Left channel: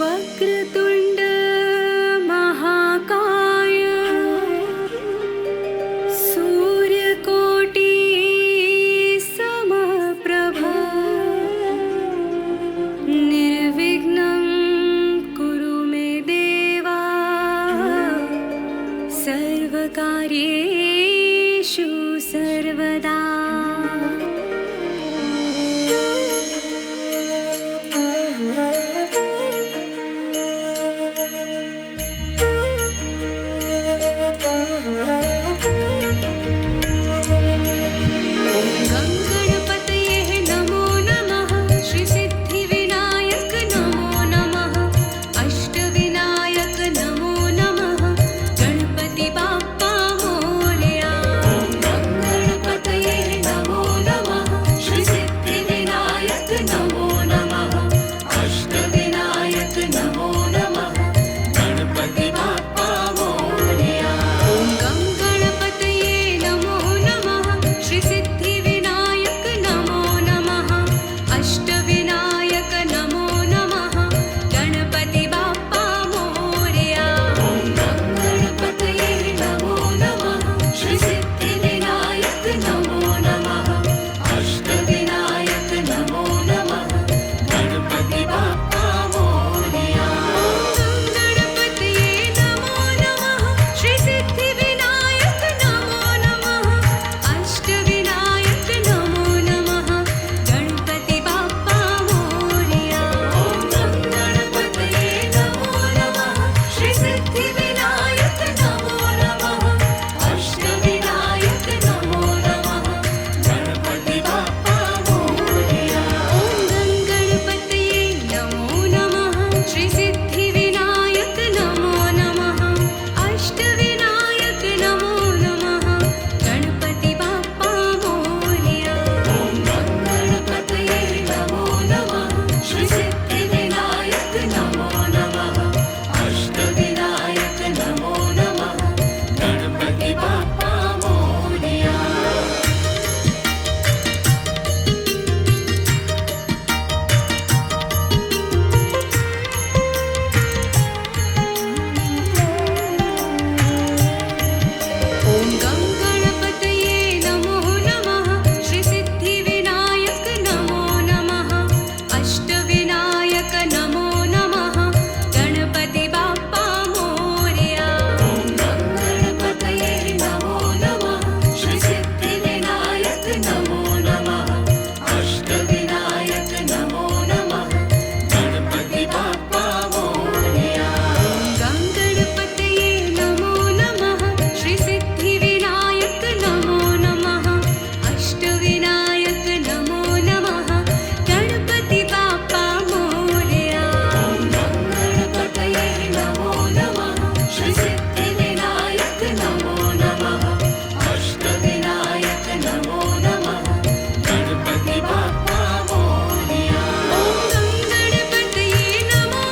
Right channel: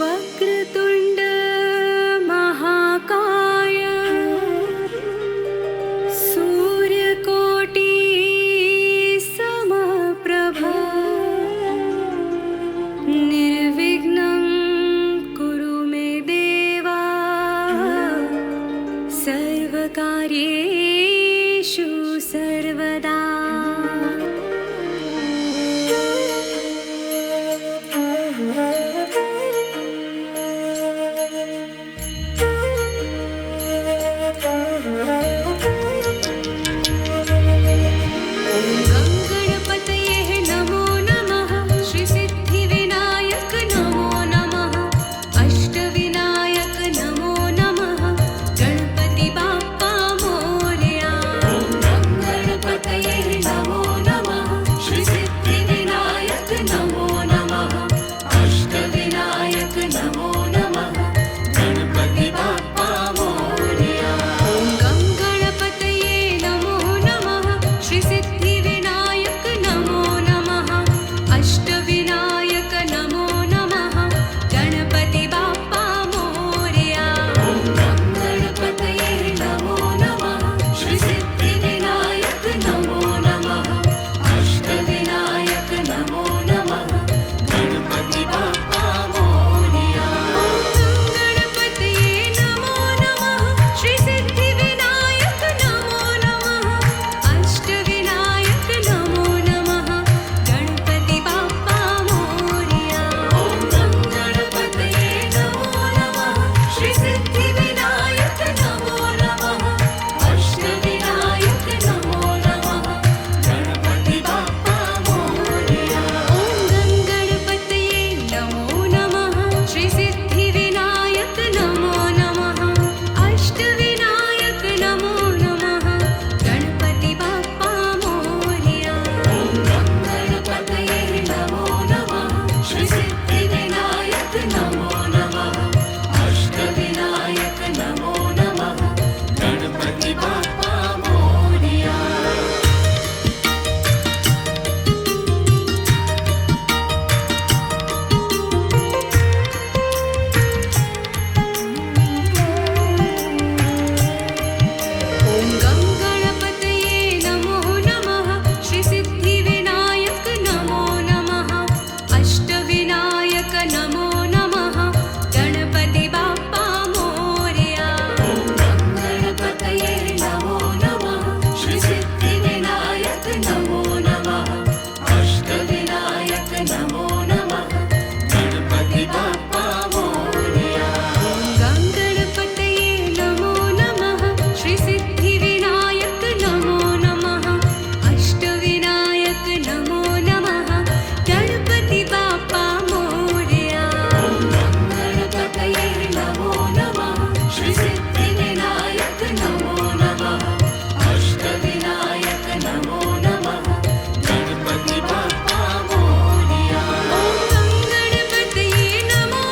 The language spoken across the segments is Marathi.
वक्रतुंड महाकाय सूर्यकोटि समप्रभा निर्विघ्नं कुरु मे देवा सर्वकार्येषु सर्वदा। नमो नमः गणपति बाप्पा मोरया। ॐ गं गणपतये नमो नमः श्री सिद्धिविनायक नमो नमः अष्टविनायक नमो नमः गणपति बाप्पा मोरया। ॐ गं गणपतये नमो नमः श्री सिद्धिविनायक नमो नमः अष्टविनायक नमो नमः गणपति बाप्पा नमो नमः गणपति बाप्पा मोरया। ॐ गं गणपतये नमो नमः श्री सिद्धिविनायक नमो नमः अष्टविनायक नमो नमः गणपति बाप्पा नमो नमः अष्टविनायक नमो नमः गणपति बाप्पा मोरया। ॐ गं गणपतये नमो नमः श्री सिद्धिविनायक नमो नमः अष्टविनायक नमो नमः गणपति बाप्पा मोरया। ॐ गं गणपतये नमो नमः श्री सिद्धिविनायक नमो नमः अष्टविनायक नमो नमः गणपति बाप्पा मोरया। ॐ गं गणपतये नमो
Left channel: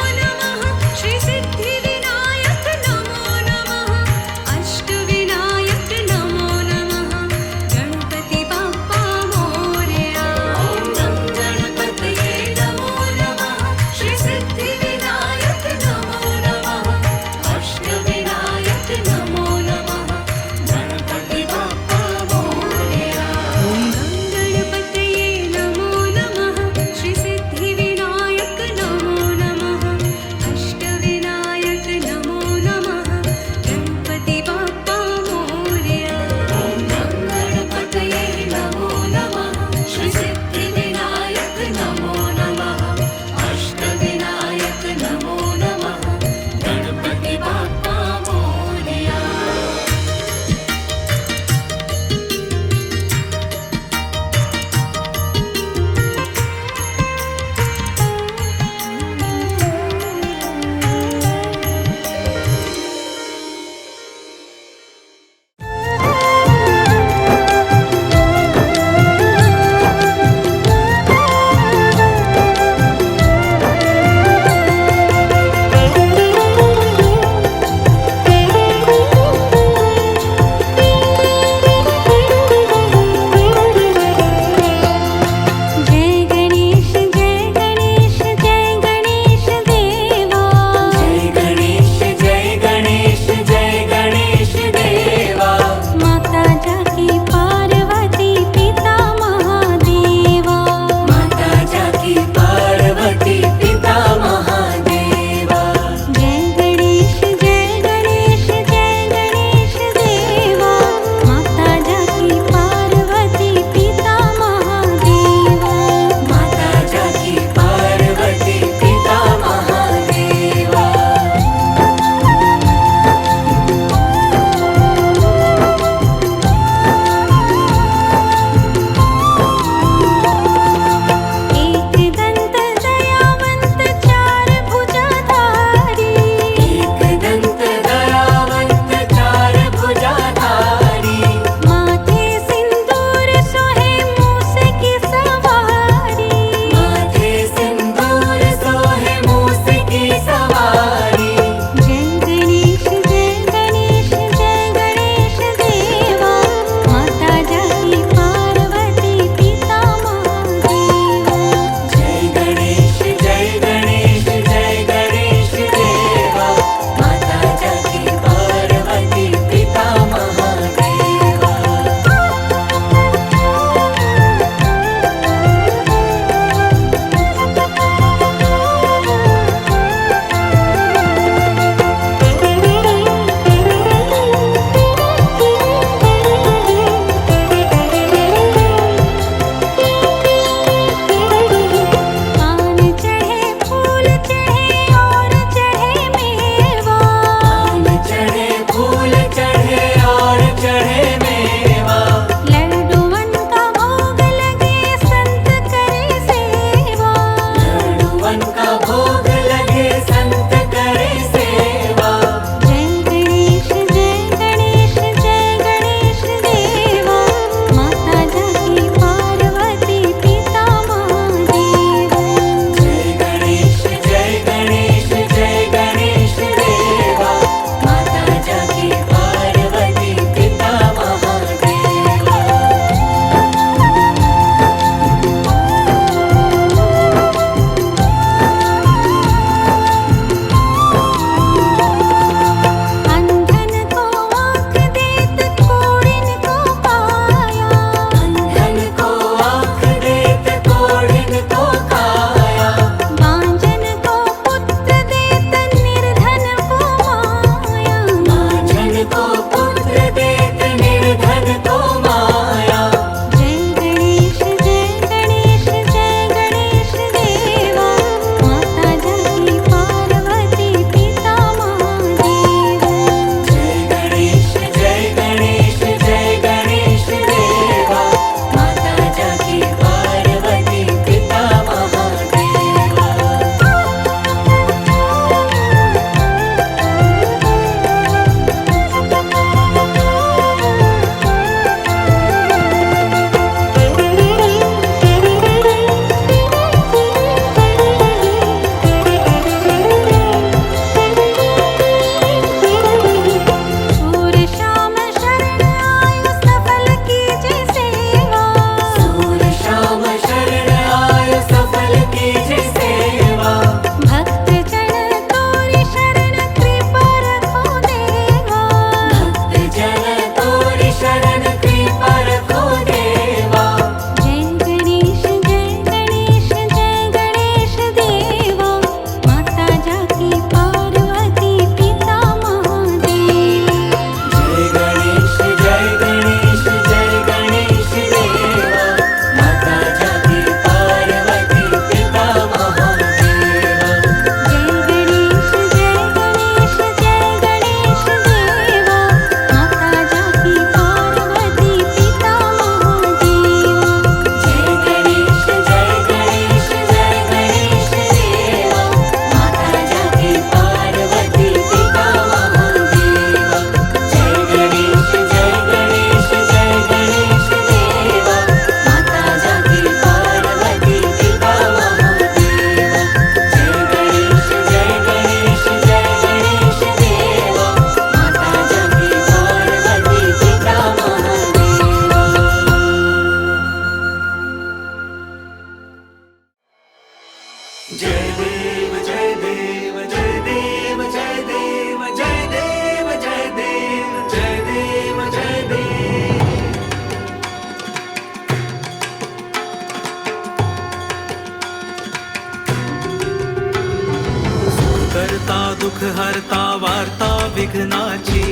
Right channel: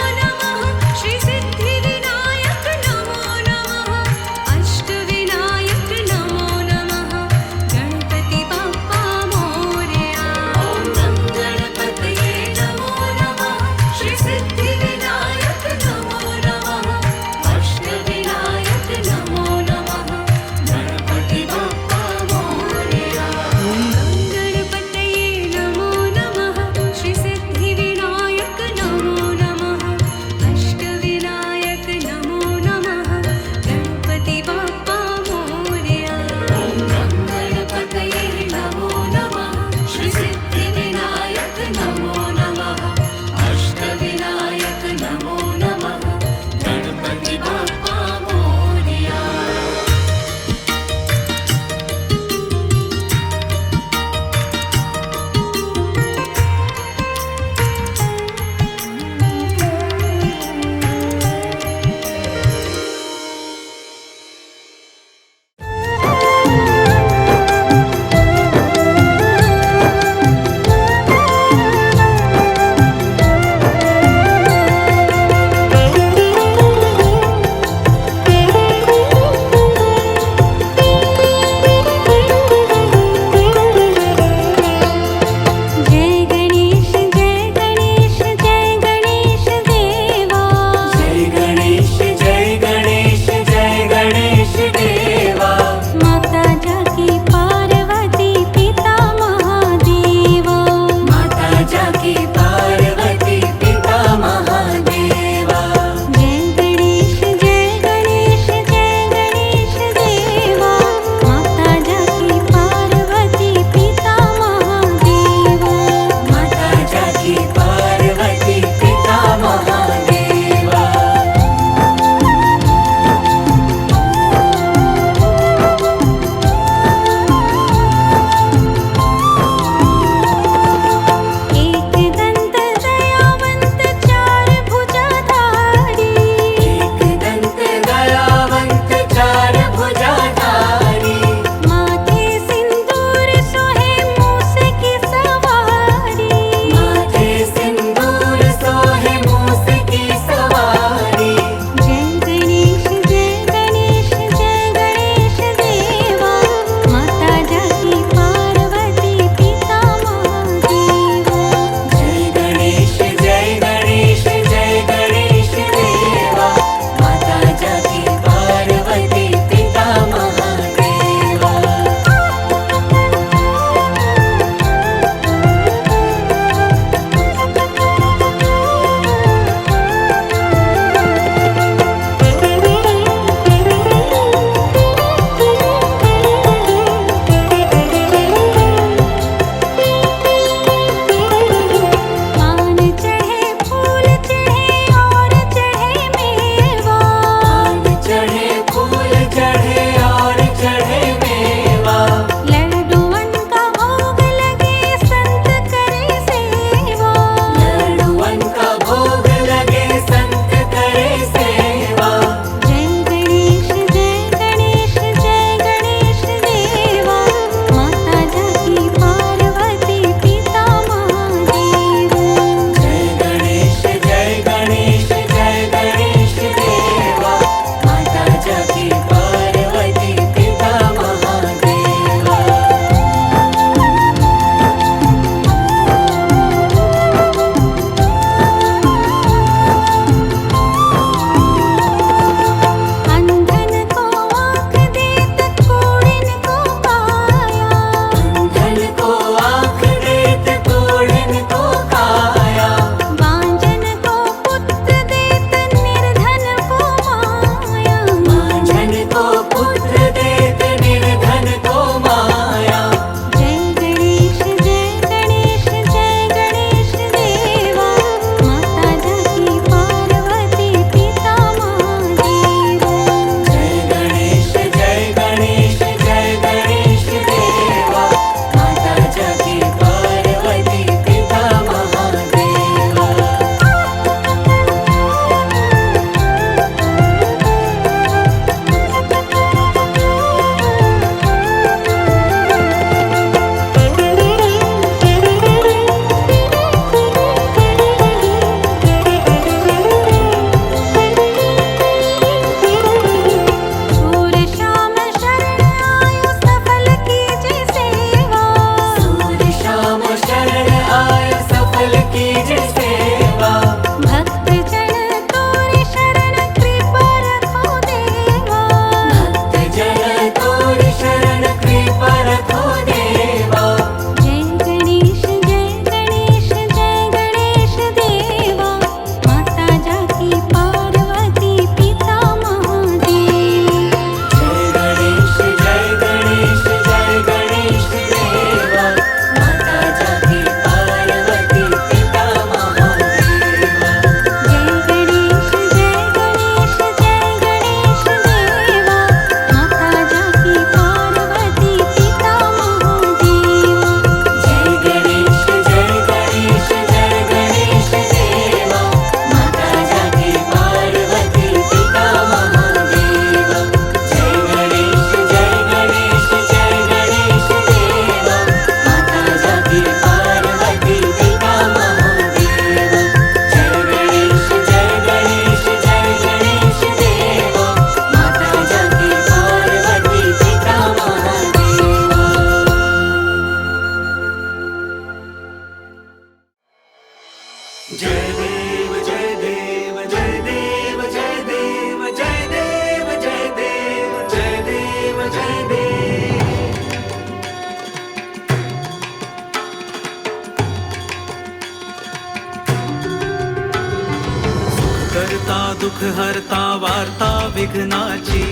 करता दुःख हरता वार्ता विघ्नाची,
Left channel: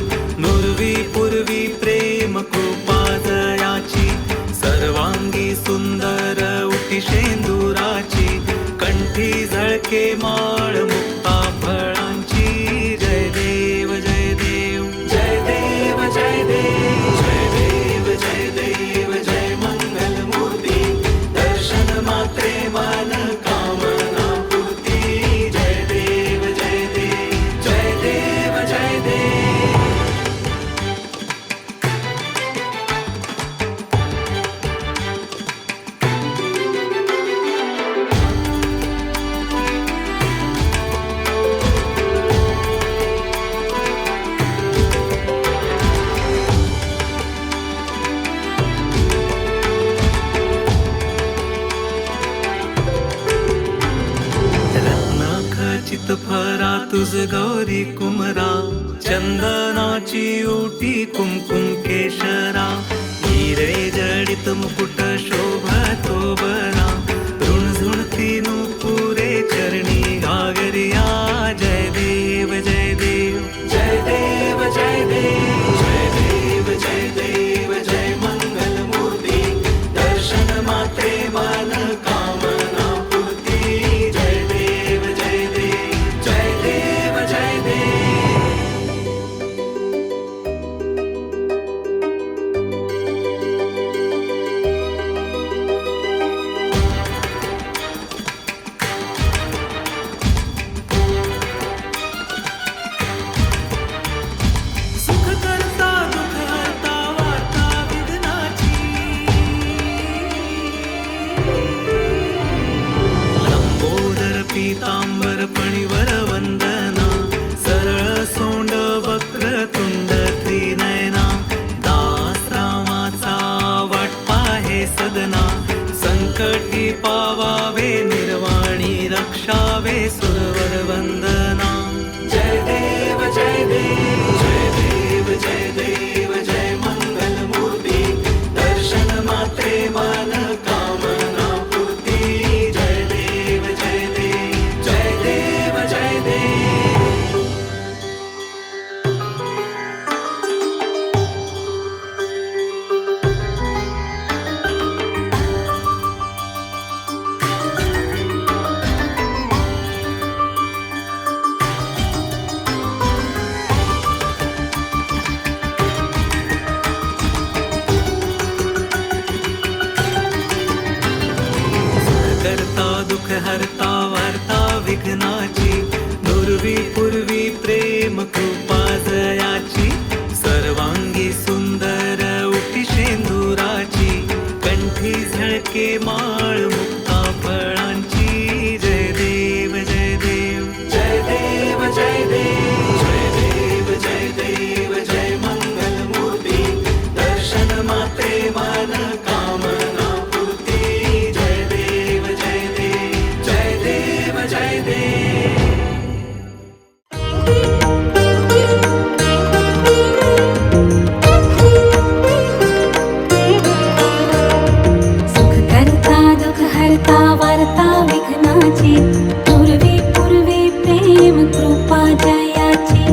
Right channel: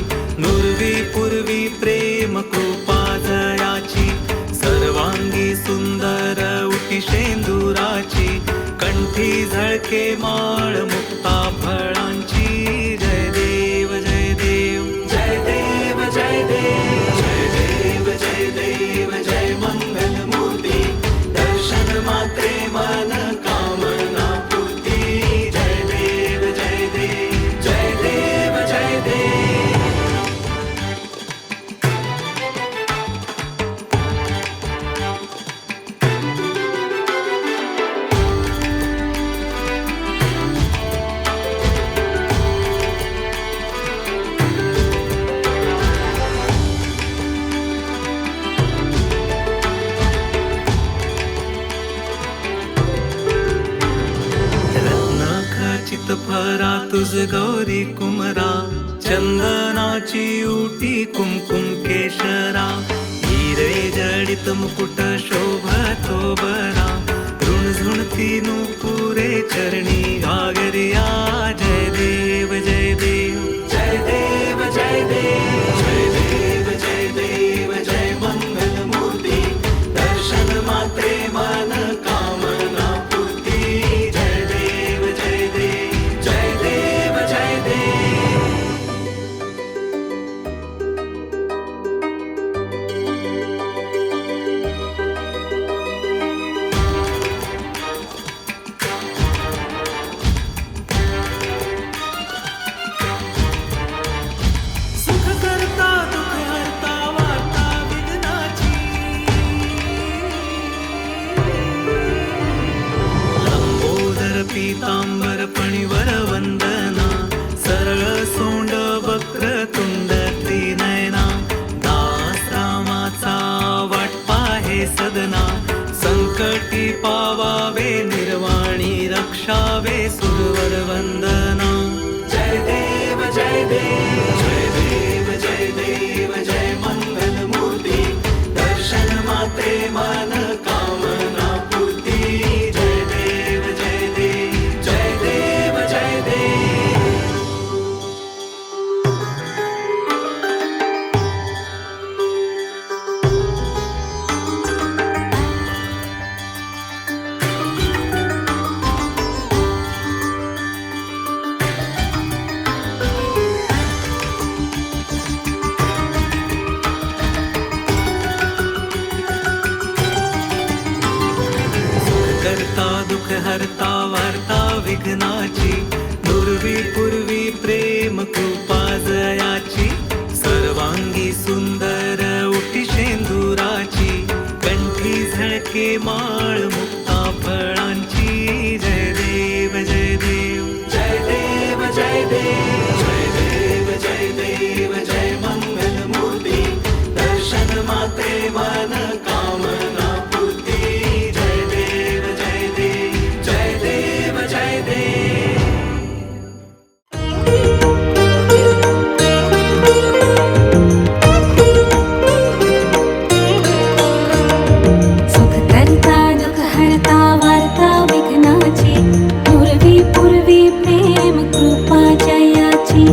नुरवी पूर्वी प्रेम कृपा जयाची, सर्वांगी सुंदर उटी शेंदुराची, कंठी झळके माळ मुक्ता फळांची. जय देव जय देव जय देव जय देव जय देव जय देव जय मंगल मूर्ती, दर्शन मात्रे मन कामना पूर्ती. जय देव जय देव जय देव जय देव. रत्नखचित फरा तुझ गौरी कुमरा, चंदनाची उटी कुमकुम केशरा, हिरे जडित मुकुट शोभतो बरा, ऋणझुणती नुपुरे चरणी घागरिया. जय देव जय देव जय देव जय देव जय देव जय देव जय मंगल मूर्ती, दर्शन मात्रे मन कामना पूर्ती. जय देव जय देव जय देव जय देव. सुख करता दुःख हरता वार्ता विघ्नाची, लंबोदर पीतांबर पणिवर वंदना, सरळ सोंड वक्रतुंड त्रिनयना, दास रामाचा वाटपा हे सदना, संकटी पावावे निर्वाणी रक्षावे सुरवर वंदना. जय देव जय देव जय देव जय देव जय मंगल मूर्ती, दर्शन मात्रे मन कामना पूर्ती. जय देव जय देव जय देव जय देव. करता दुःख हरता वार्ता विघ्नाची, नुरवी पूर्वी प्रेम कृपा जयाची, सर्वांगी सुंदर उटी शेंदुराची, कंठी झळके माळ मुक्ता फळांची. जय देव जय देव जय देव जय देव जय देव जय देव जय मंगल मूर्ती, दर्शन मात्रे मन कामना पूर्ती. जय देव जय देव जय देव जय देव. सुख करता दुःख हरता वार्ता विघ्नाची, पूर्वी पूर्वी प्रेम कृपा जयाची,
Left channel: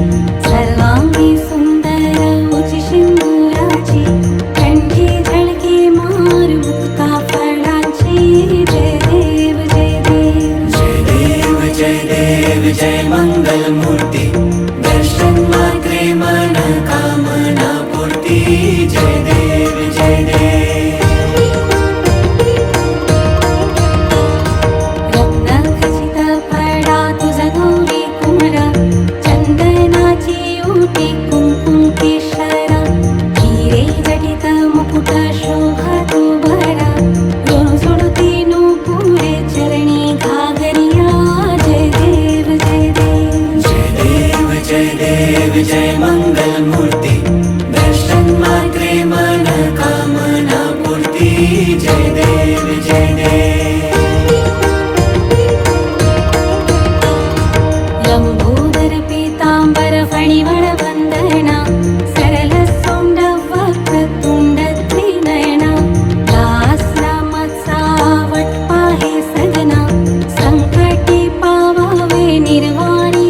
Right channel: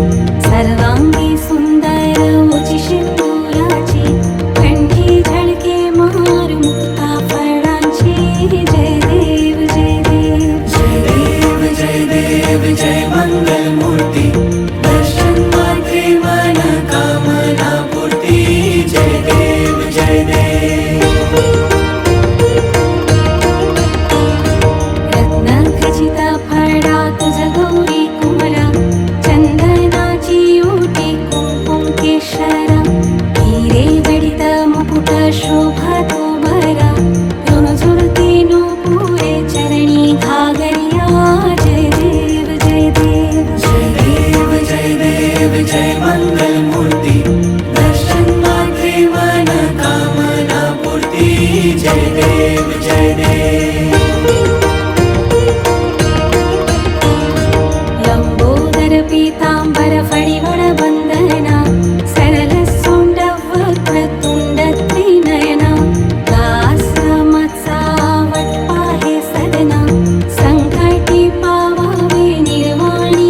सर्वांगी सुंदर उची सिंदुराची, कंठी झळके मार मुक्ता फळाची. जय देव जय देव जय देव जय देव जय मंगल मूर्ती, दर्शन मात्रे मन कामना पूर्ती. जय देव जय देव. रत्नखचित फळा तुझ गौरी कुमरा, चंदनाची उटी कुमकुम केशरा, हिरे जडित मुकुट शोभतो बरा, ऋणझुणती नुपुरे चरणी घागरिया. जय देव जय देव जय देव जय देव जय मंगल मूर्ती, दर्शन मात्रे मन कामना पूर्ती. जय देव जय देव. लंबोदर पीतांबर फणिवर वंदना, सरळ सोंड वक्रतुंड त्रिनयना, दास रामाचा वटपा हे सदना, संकटी पावावे निर्वाणी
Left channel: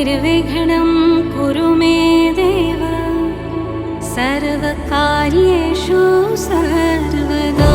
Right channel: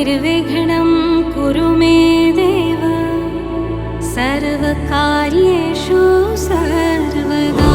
निर्विघ्नं कुरु मे देव सर्वकार्येषु सर्वदा।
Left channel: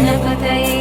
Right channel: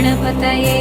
गणपतये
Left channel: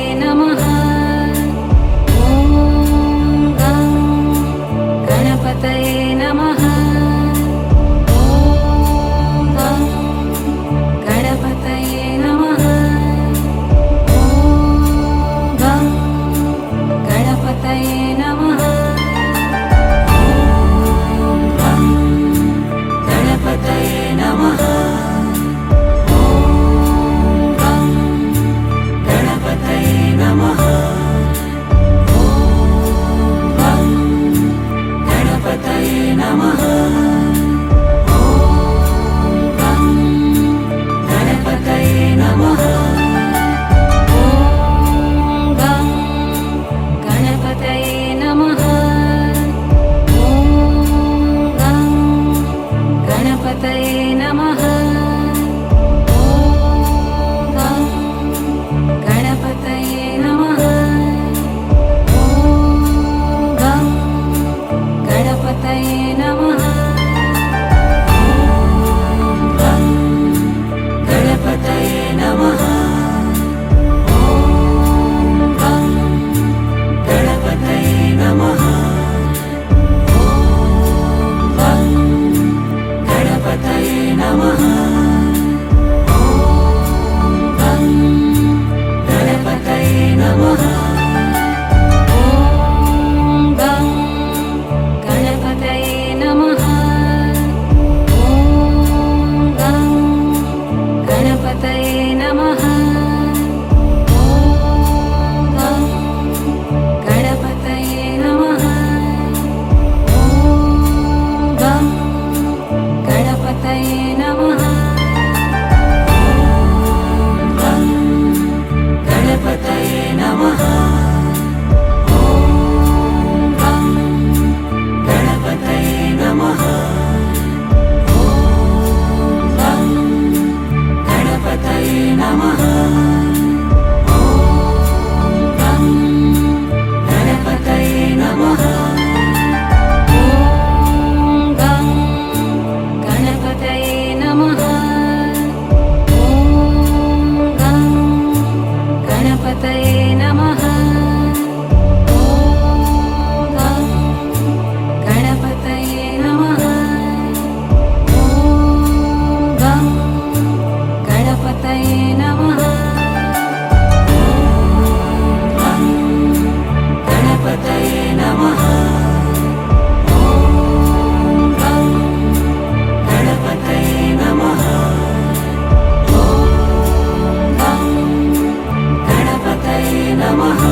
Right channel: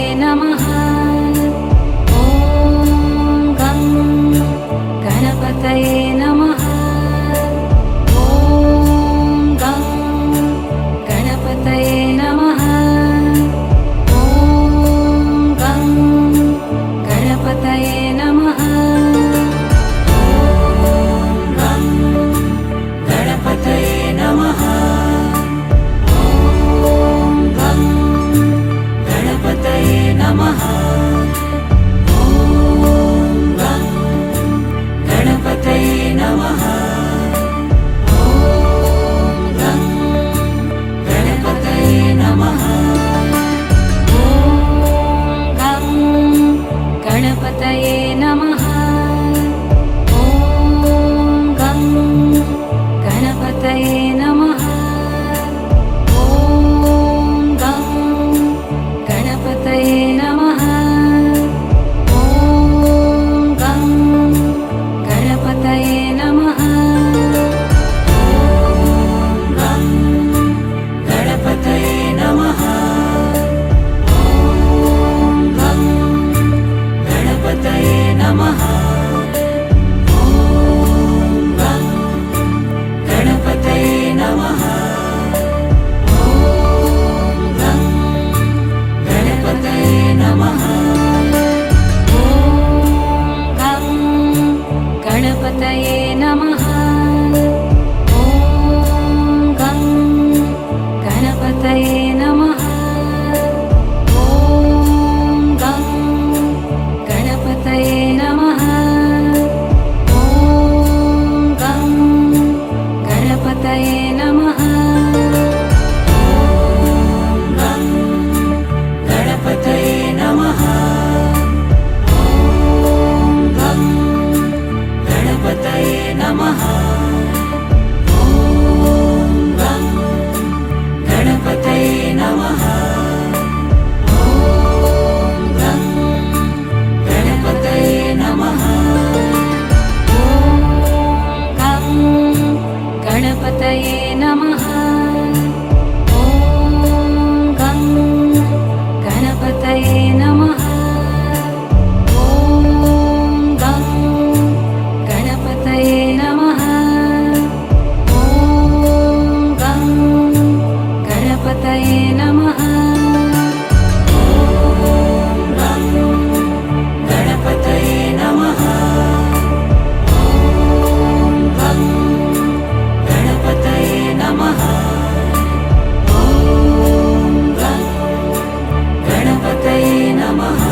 नमः